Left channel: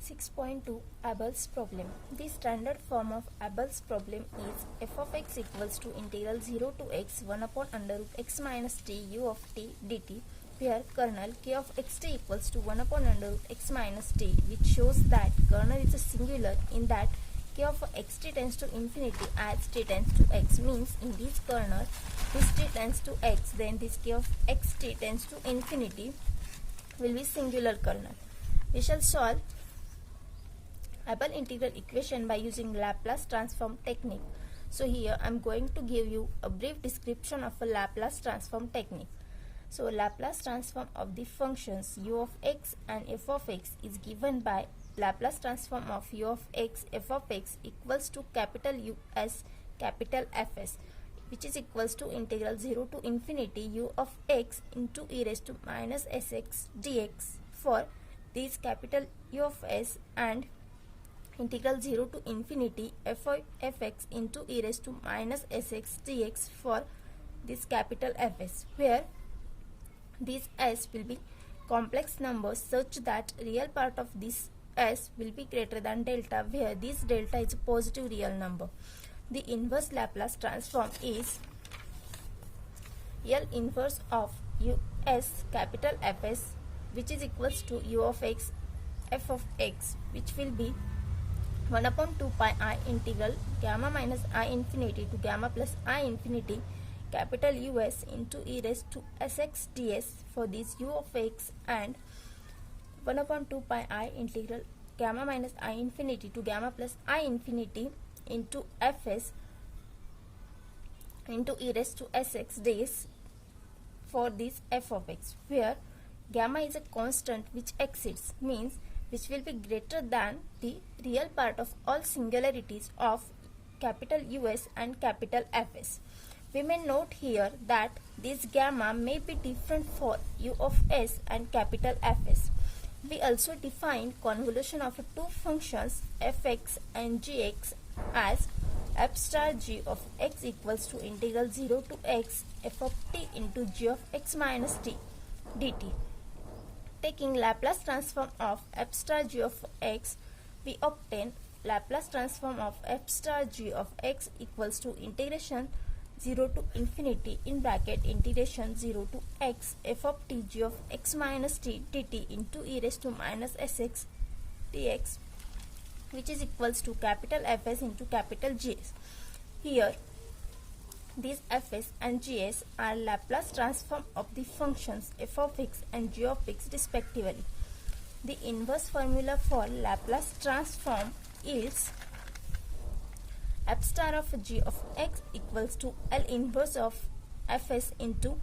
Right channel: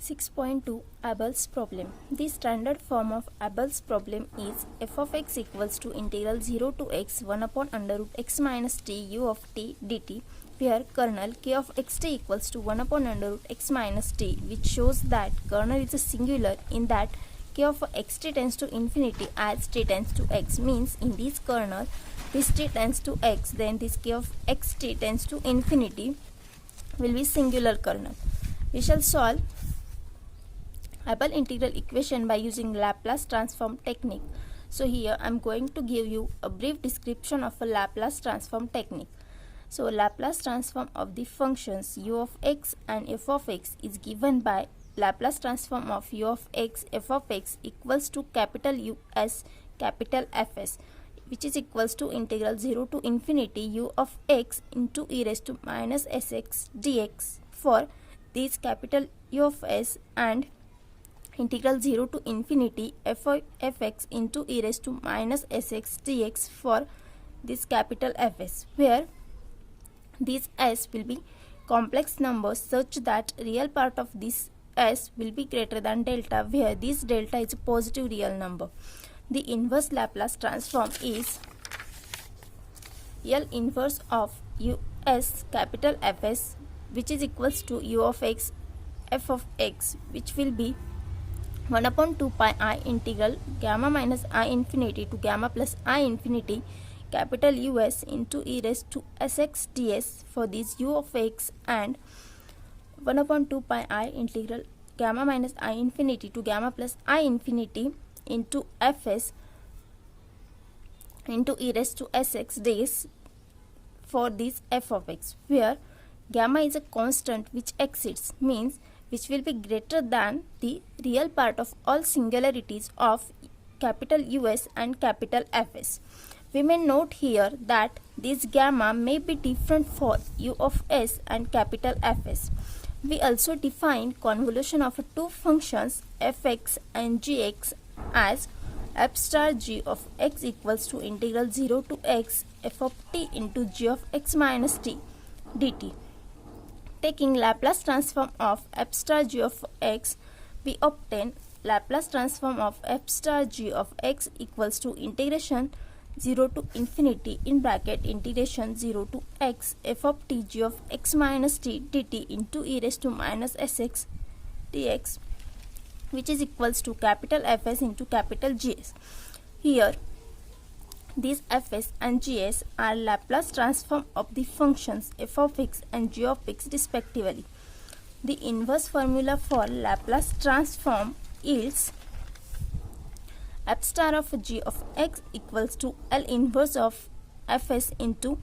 6.2 Abel's problem. The standard form of Abel's problem is f of x equals to integral 0 to x 1 upon under root x minus t u of t dt, where kernel k of xt equals to 1 upon under root x minus t, which shows that kernel is a singular in that k of xt tends to infinity as t tends to x, means in this kernel this t tends to x, then this k of xt tends to infinity will be singular kernel. We shall solve Abel integral equation by using Laplace transform technique. So here I am going to give you a brief description of a Laplace transform technique. So Laplace transform of the functions u of x and f of x is given by Laplace transform of u of x f of x equals to capital U s capital Fs, which is equals to integral 0 to infinity u of x into e raised to minus sx dx for this capital U of s and integral 0 to infinity f of fx into e raised to minus sx dx for this capital Fs, where this s will be complex numbers such that real part of this s will be greater than delta, where this delta is a positive real number. The inverse Laplace transform is L inverse of u s capital Fs, which is equals to u of x f of x, which will be 1 upon 2 pi I integral gamma minus I infinity to gamma plus I infinity capital US into e raised to sx ds for this u of x, and 1 upon 2 pi I integral gamma minus I infinity to gamma plus I infinity into fs into e raised to sx ds for this f of x, where gamma is a constant which exceeds, means which will be greater than the real part of all singularities of capital US and capital Fs. We may note here that this gamma may be different for u of s and capital Fs. We also define convolution of two functions fx and gx as f star g of x equals to integral 0 to x f of t into g of x minus t dt. Taking Laplace transform of f star g of x, we obtain Laplace transform of f star g of x equals to integration 0 to infinity in bracket integration 0 to x f of t g of x minus t dt into e raised to minus sx dx, which is equals to capital Fs into capital Gs. Here these Fs and Gs are Laplace transform of the functions f of x and g of x respectively. The inverse formula for Laplace transform is f star of g of x equals to L inverse of Fs into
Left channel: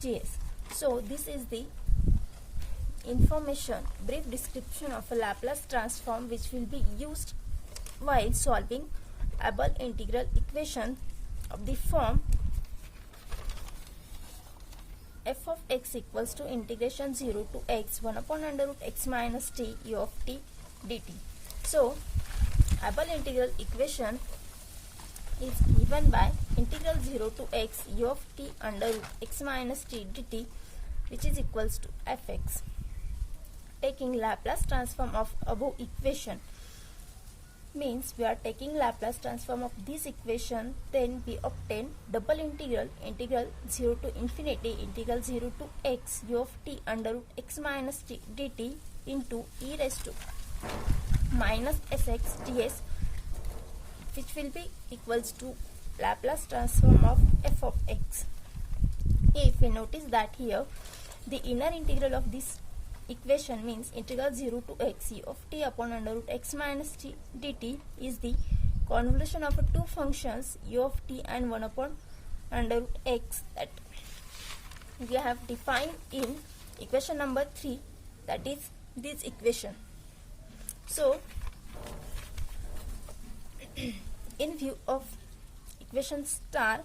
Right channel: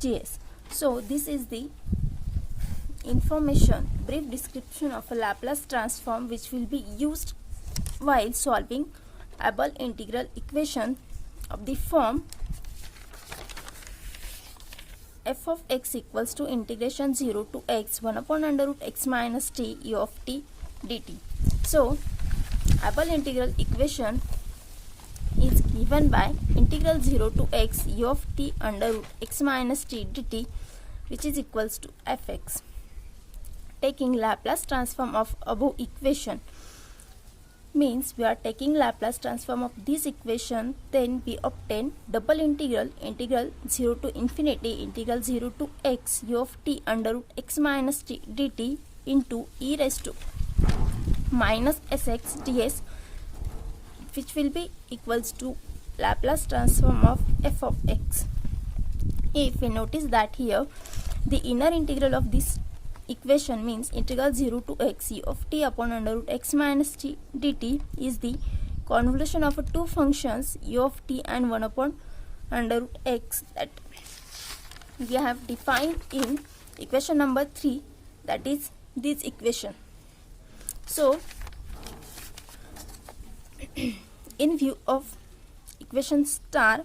Gs. So this is the information, brief description of a Laplace transform which will be used while solving Abel integral equation of the form f of x equals to integration 0 to x 1 upon under root x minus t u of t dt. So Abel integral equation is given by integral 0 to x u of t under root x minus t dt, which is equals to fx. Taking Laplace transform of above equation means we are taking Laplace transform of this equation, then we obtain double integral 0 to infinity integral 0 to x u of t under root x minus t dt into e raised to minus sx ds, which will be equals to Laplace transform of f of x. If we notice that here the inner integral of this equation means integral 0 to x u of t upon under root x minus t dt is the convolution of two functions u of t and 1 upon under root x that we have defined in equation number 3, that is this equation. So in view of equation star,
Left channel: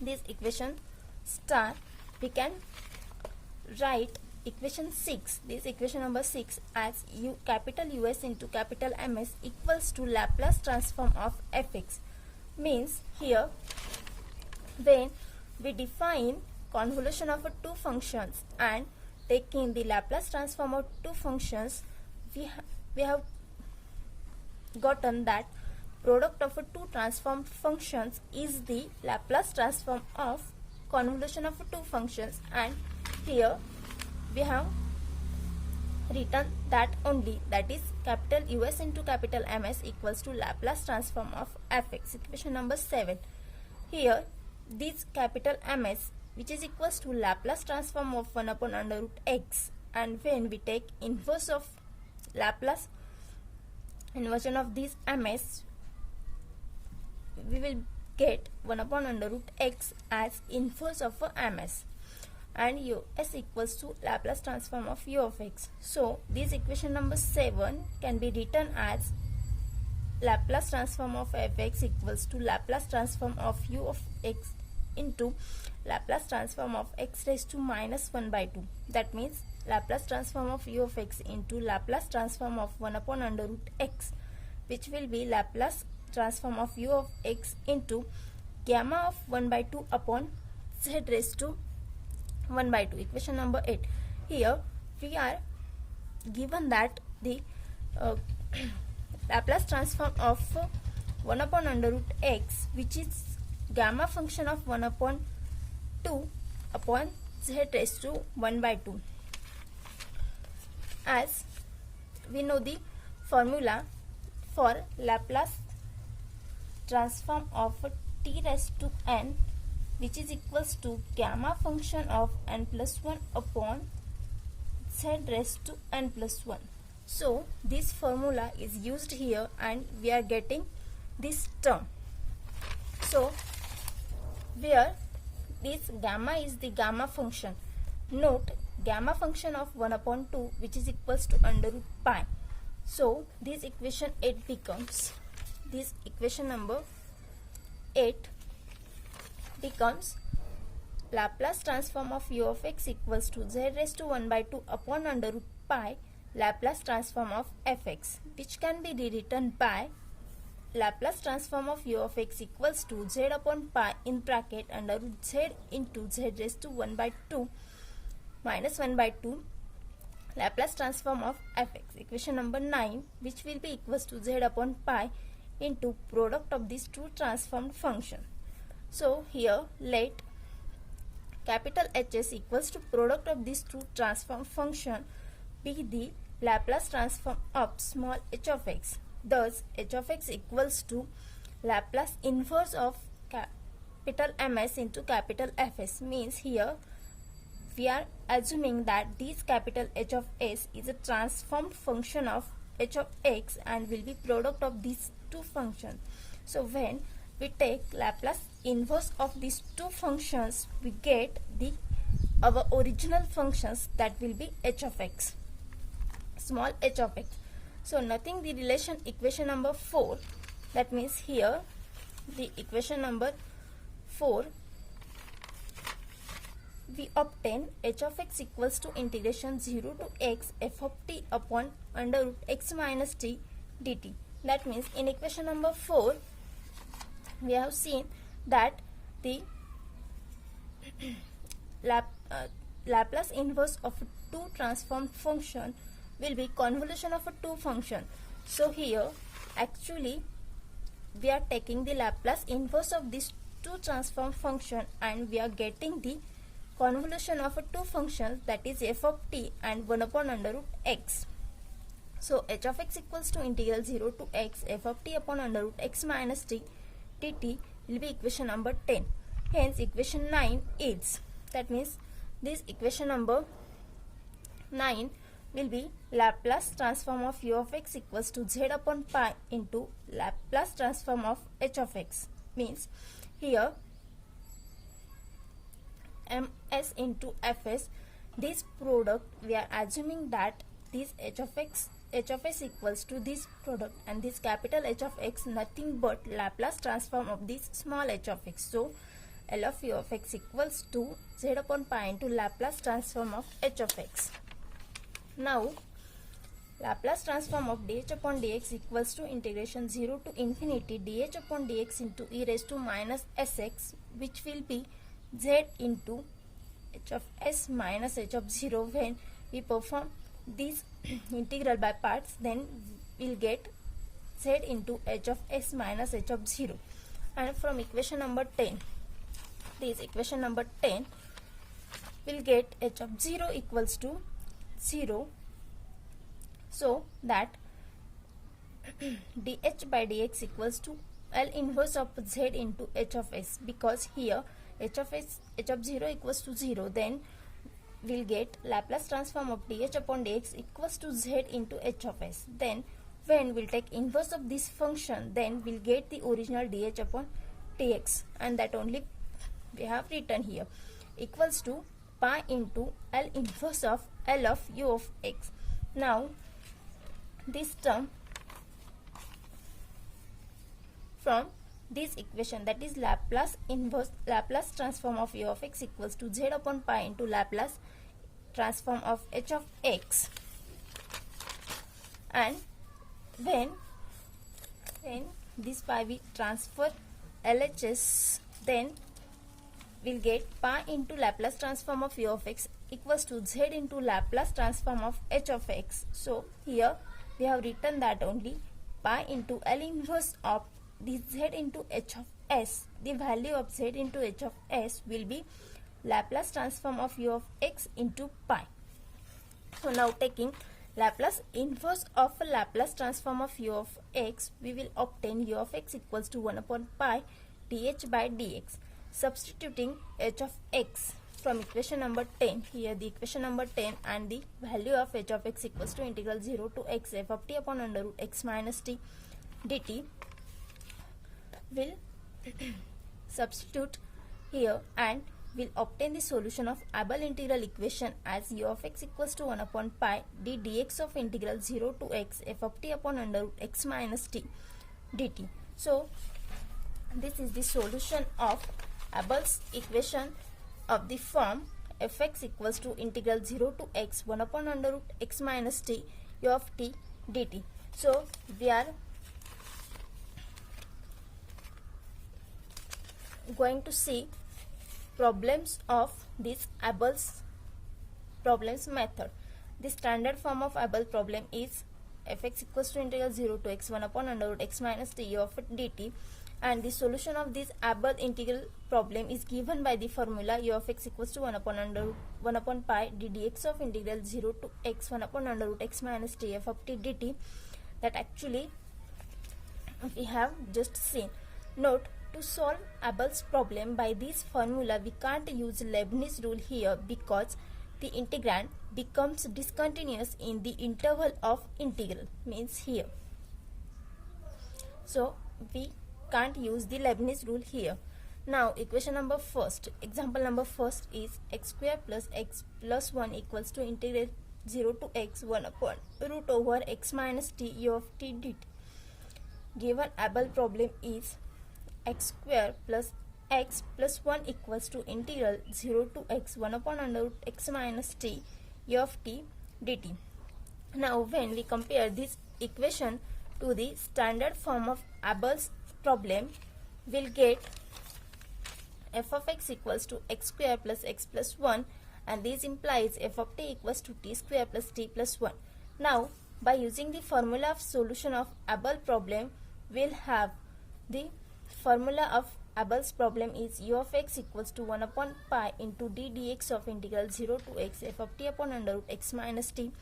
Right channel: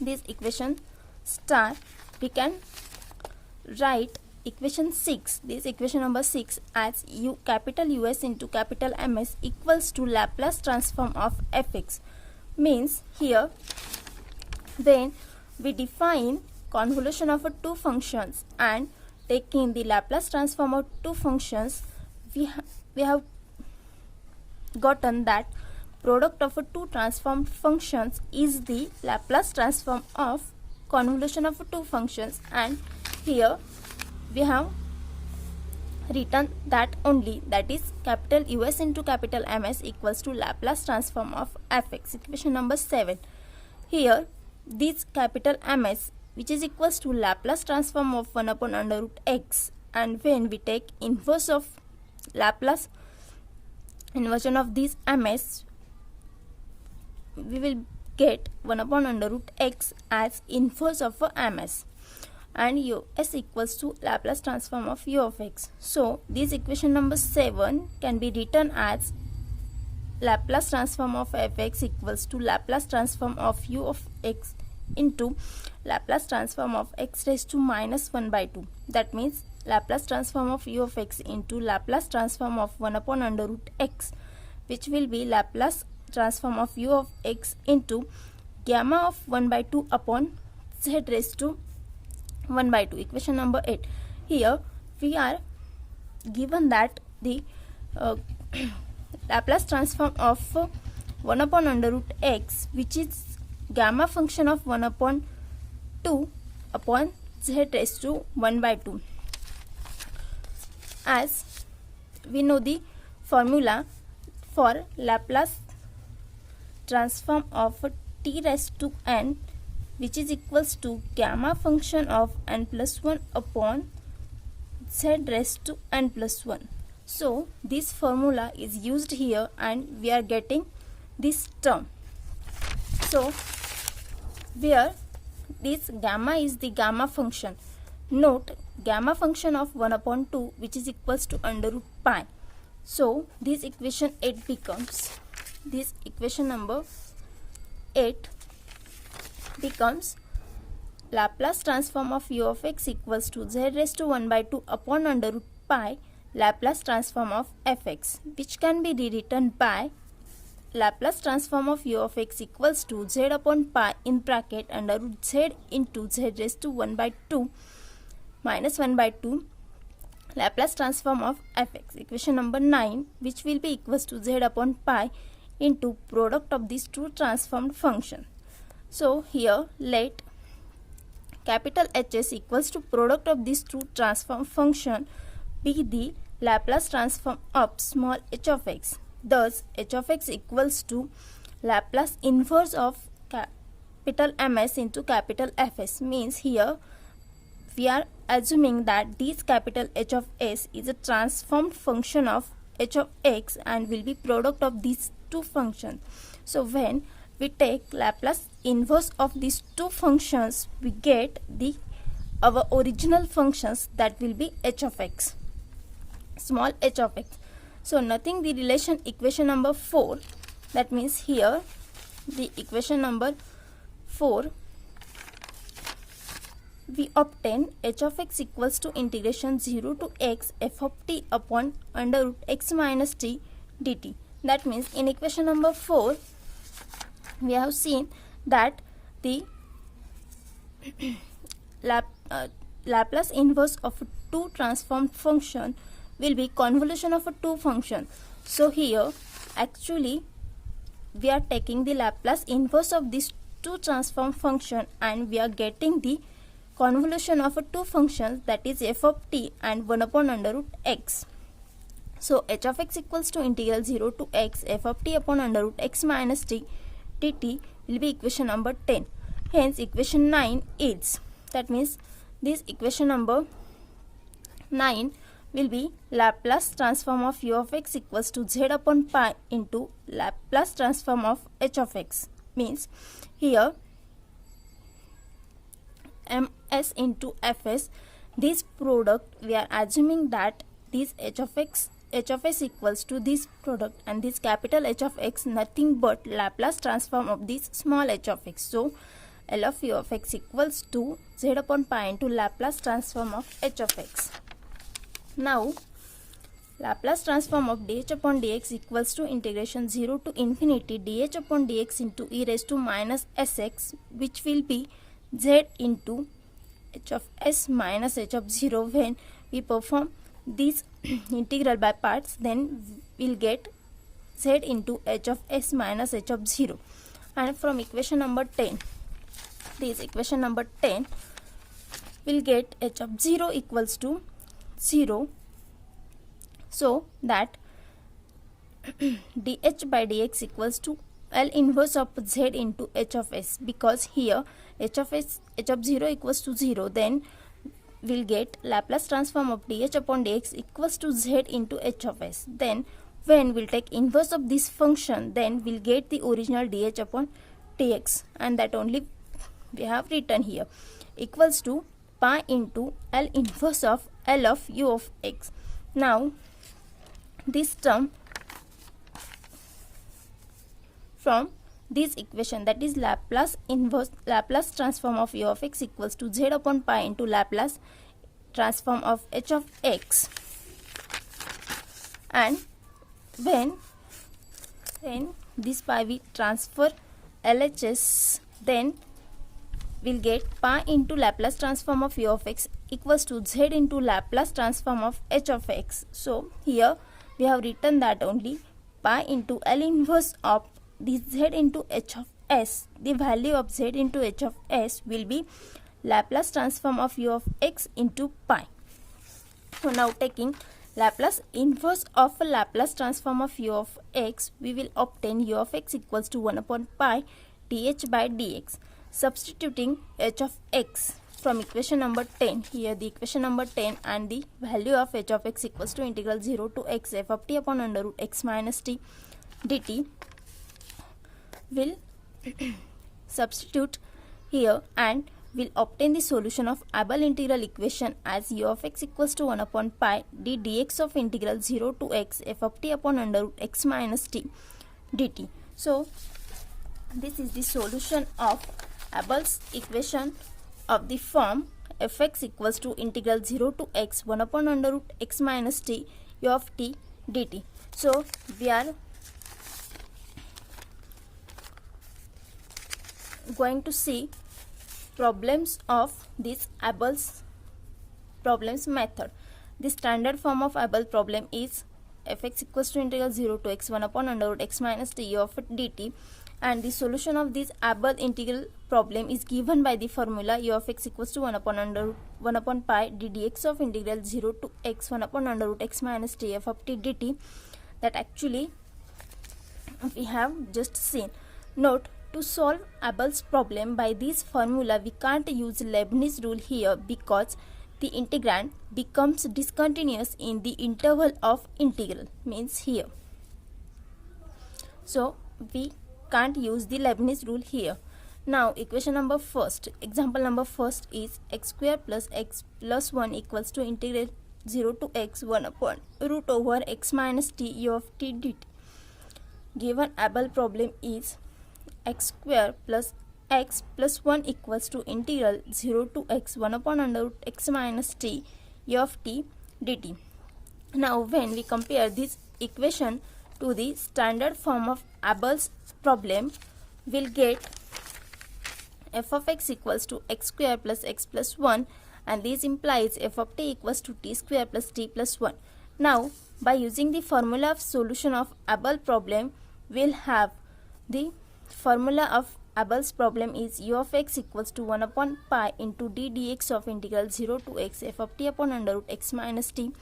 this equation star, we can write equation 6, this equation number 6, as u capital US into capital MS equals to Laplace transform of fx. Means here when we define convolution of two functions and taking the Laplace transform of two functions, we have gotten that product of two transformed functions is the Laplace transform of convolution of two functions, and here we have written that only, that is capital US into capital MS equals to Laplace transform of fx, equation number 7. Here this capital MS, which is equals to Laplace transform of 1 upon under root x, and when we take inverse of Laplace inversion of this MS, we will get 1 upon under root x as inverse of a MS, and US equals to Laplace transform of u of x. So this equation number 7 can be written as Laplace transform of fx equals to Laplace transform of u of x into Laplace transform of x raised to minus 1 by 2. That means Laplace transform of u of x into Laplace transform of 1 upon under root x, which will be Laplace transform of u of x into gamma of 1 by 2 upon z raised to 1 by 2, equation number 8. Here we are given that the Laplace transform of 1 upon under root x, which is gamma function of 1 upon 2 upon z raised to 1 by 2. As we know the formula for Laplace transform of t raised to n, which is equals to gamma function of n plus 1 upon z raised to n plus 1. So this formula is used here and we are getting this term. So where this gamma is the gamma function, note gamma function of 1 upon 2, which is equals to under root pi. So this equation 8 becomes, this equation number 8 becomes Laplace transform of u of x equals to z raised to 1 by 2 upon under root pi Laplace transform of fx, which can be rewritten by Laplace transform of u of x equals to z upon pi in bracket under root z into z raised to 1 by 2 minus 1 by 2 Laplace transform of fx, equation number 9, which will be equals to z upon pi into product of these two transformed functions. So here let capital Hs equals to product of these two transform function be the Laplace transform of small h of x. Thus h of x equals to Laplace inverse of capital MS into capital Fs, means here we are assuming that this capital H of s is a transformed function of h of x and will be product of these two functions. So when we take Laplace inverse of these two functions, we get the our original functions, that will be h of x, small h of x. So nothing, the relation equation number 4, that means here the equation number 4, we obtain h of x equals to integration 0 to x f of t upon under root x minus t dt. That means in equation number 4 we have seen that the Laplace inverse of two transformed function will be convolution of a two function. So here actually we are taking the Laplace inverse of these two transformed function and we are getting the convolution of a two functions, that is f of t and 1 upon under root x. So h of x equals to integral 0 to x f of t upon under root x minus t dt will be equation number 10. Hence equation 9 is, that means this equation number 9 will be Laplace transform of u of x equals to z upon pi into Laplace transform of h of x, means here ms into fs, this product we are assuming that this h of s equals to this product, and this capital H of x nothing but Laplace transform of this small h of x. So L of u of x equals to z upon pi into Laplace transform of h of x. Now Laplace transform of dh upon dx equals to integration 0 to infinity dh upon dx into e raised to minus sx, which will be z into h of s minus h of 0 when we perform this integral by parts, then we'll get z into h of s minus h of 0. And from equation number 10, this equation number 10, we'll get h of 0 equals to 0, so that dh by dx equals to L inverse of z into h of s, because here h of 0 equals to 0, then we'll get Laplace transform of dh upon dx equals to z into h of s. Then when we'll take inverse of this function, then we'll get the original dh upon dx, and that only we have written here, equals to pi into L inverse of L of u of x. Now this term from this equation, that is Laplace transform of u of x equals to z upon pi into Laplace transform of h of x, and when this pi we transfer LHS, then we'll get pi into Laplace transform of u of x equals to z into Laplace transform of h of x. So here we have written that only pi into L inverse of this z into h of s. The value of z into h of s will be Laplace transform of u of x into pi. So now taking Laplace inverse of a Laplace transform of u of x, we will obtain u of x equals to 1 upon pi dh by dx. Substituting h of x from equation number 10, here the equation number 10, and the value of h of x equals to integral 0 to x f of t upon under root x minus t dt, will substitute here and will obtain the solution of Abel integral equation as u of x equals to 1 upon pi d dx of integral 0 to x f of t upon under root x minus t dt. So this is the solution of Abel's equation of the form fx equals to integral 0 to x 1 upon under root x minus t u of t dt. So we are going to see problems of this Abel's problems method. The standard form of Abel problem is fx equals to integral 0 to x 1 upon under root x minus t u of dt, and the solution of this Abel integral problem is given by the formula u of x equals to 1 upon pi d dx of integral 0 to x 1 upon under root x minus t f of t dt, that actually we have just seen. Note, to solve Abel's problem by this formula, we can't use Leibniz rule here because the integrand becomes discontinuous in the interval of integral, means here. So we can't use the Leibniz rule here. Now equation number first, example number first is x square plus x plus 1 equals to integral 0 to x 1 upon root over x minus t u of t dt. Given Abel problem is x square plus x plus 1 equals to integral 0 to x 1 upon under root x minus t u of t dt. Now when we compare this equation to the standard form of Abel's problem, we'll get f of x equals to x square plus x plus 1, and this implies f of t equals to t square plus t plus 1. Now by using the formula of solution of Abel problem, we'll have the formula of Abel's problem is u of x equals to 1 upon pi into d dx of integral 0 to x f of t upon under root x minus t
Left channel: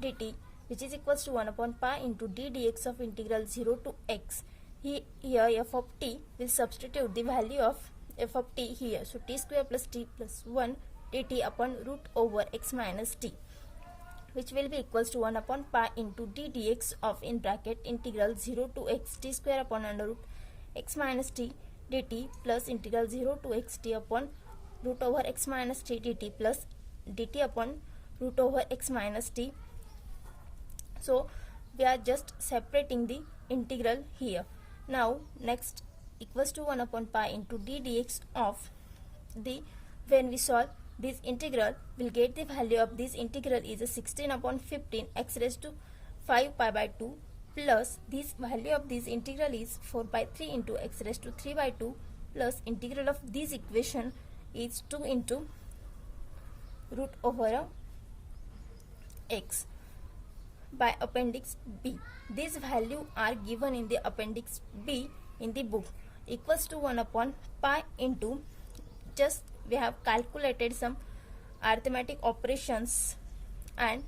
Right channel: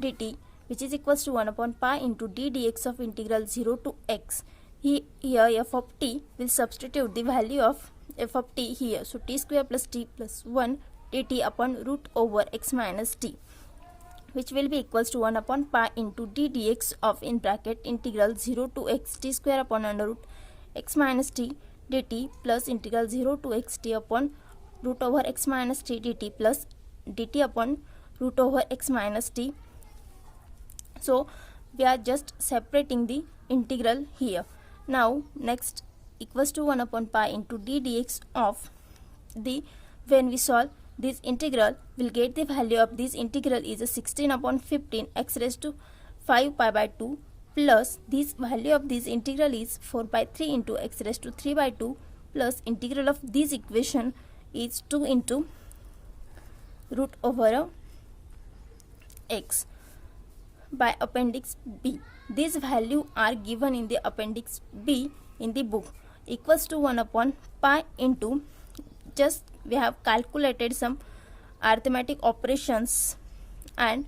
dt, which is equals to 1 upon pi into d dx of integral 0 to x. Here f of t will substitute the value of f of t here, so t square plus t plus 1 dt upon root over x minus t, which will be equals to 1 upon pi into d dx of in bracket integral 0 to x t square upon under root x minus t dt plus integral 0 to x t upon root over x minus t dt plus dt upon root over x minus t. So we are just separating the integral here. Now next equals to 1 upon pi into d dx of the, when we solve this integral, we'll get the value of this integral is a 16 upon 15 x raised to 5 pi by 2 plus this value of this integral is 4 by 3 into x raised to 3 by 2 plus integral of this equation is 2 into root over x. by appendix B. These values are given in the appendix B in the book, equals to 1 upon pi into, just we have calculated some arithmetic operations and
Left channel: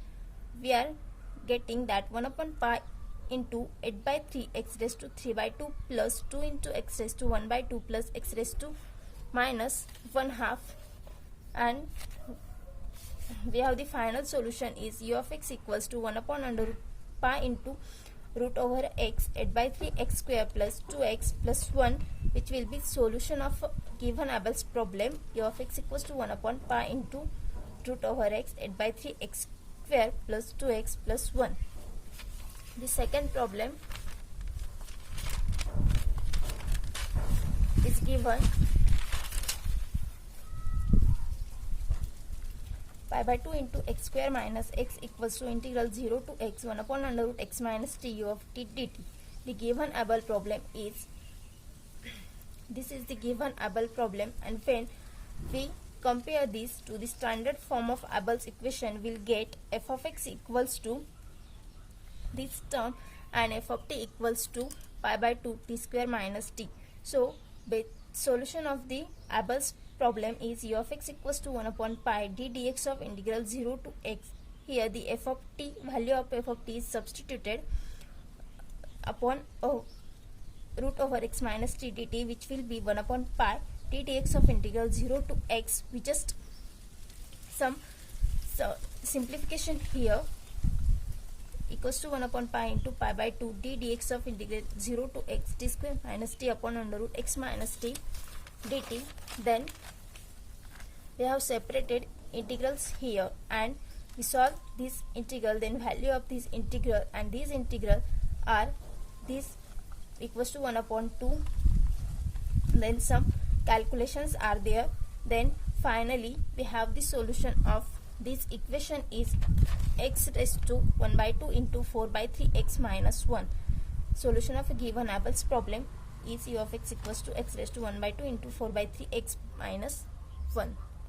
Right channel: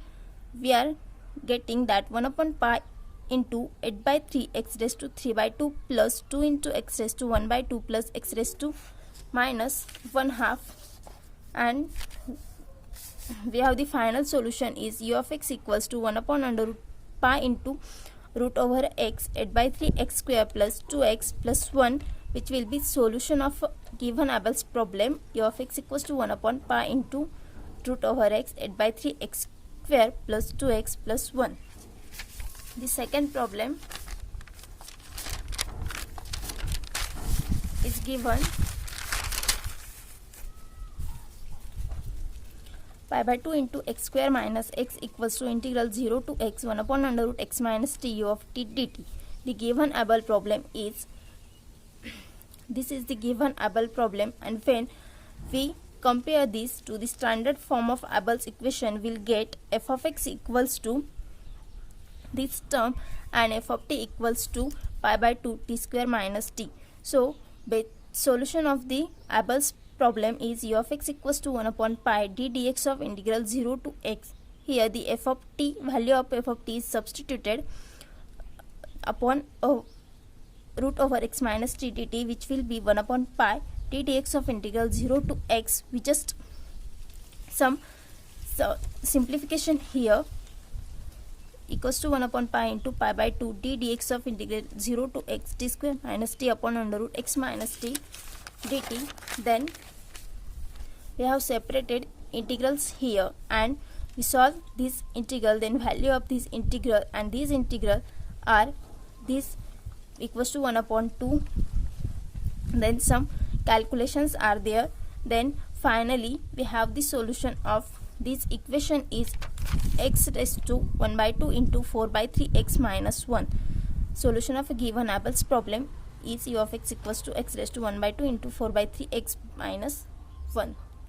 we are getting that 1 upon pi into 8 by 3 x raised to 3 by 2 plus 2 into x raised to 1 by 2 plus x raised to minus 1 half, and we have the final solution is u of x equals to 1 upon under root pi into root over x 8 by 3 x square plus 2x plus 1, which will be solution of given Abel's problem. U of x equals to 1 upon pi into root over x 8 by 3 x square plus 2x plus 1. The second problem is given pi by 2 into x square minus x equals to integral 0 to x 1 upon under root x minus t u of t dt. The given Abel problem is, this is the given Abel problem, and when we compare this to the standard form of Abel's equation, we'll get f of x equals to this term and f of t equals to pi by 2 t square minus t. So the solution of the Abel's problem is u of x equals to 1 upon pi d dx of integral 0 to x. Here the f of t, value of f of t is substituted upon root over x minus t dt, which will be 1 upon pi d dx of integral 0 to x. We just some simplification here, equals to 1 upon pi into pi by 2 d dx of integral 0 to x t square minus t upon under root x minus t dt. Then we have separated integrals here and we solve this integral, then value of this integral and these integral are this equals to 1 upon 2, then some calculations are there. Then finally we have the solution of this equation is x raised to 1 by 2 into 4 by 3 x minus 1. Solution of a given Abel's problem is u of x equals to x raised to 1 by 2 into 4 by 3 x minus 1.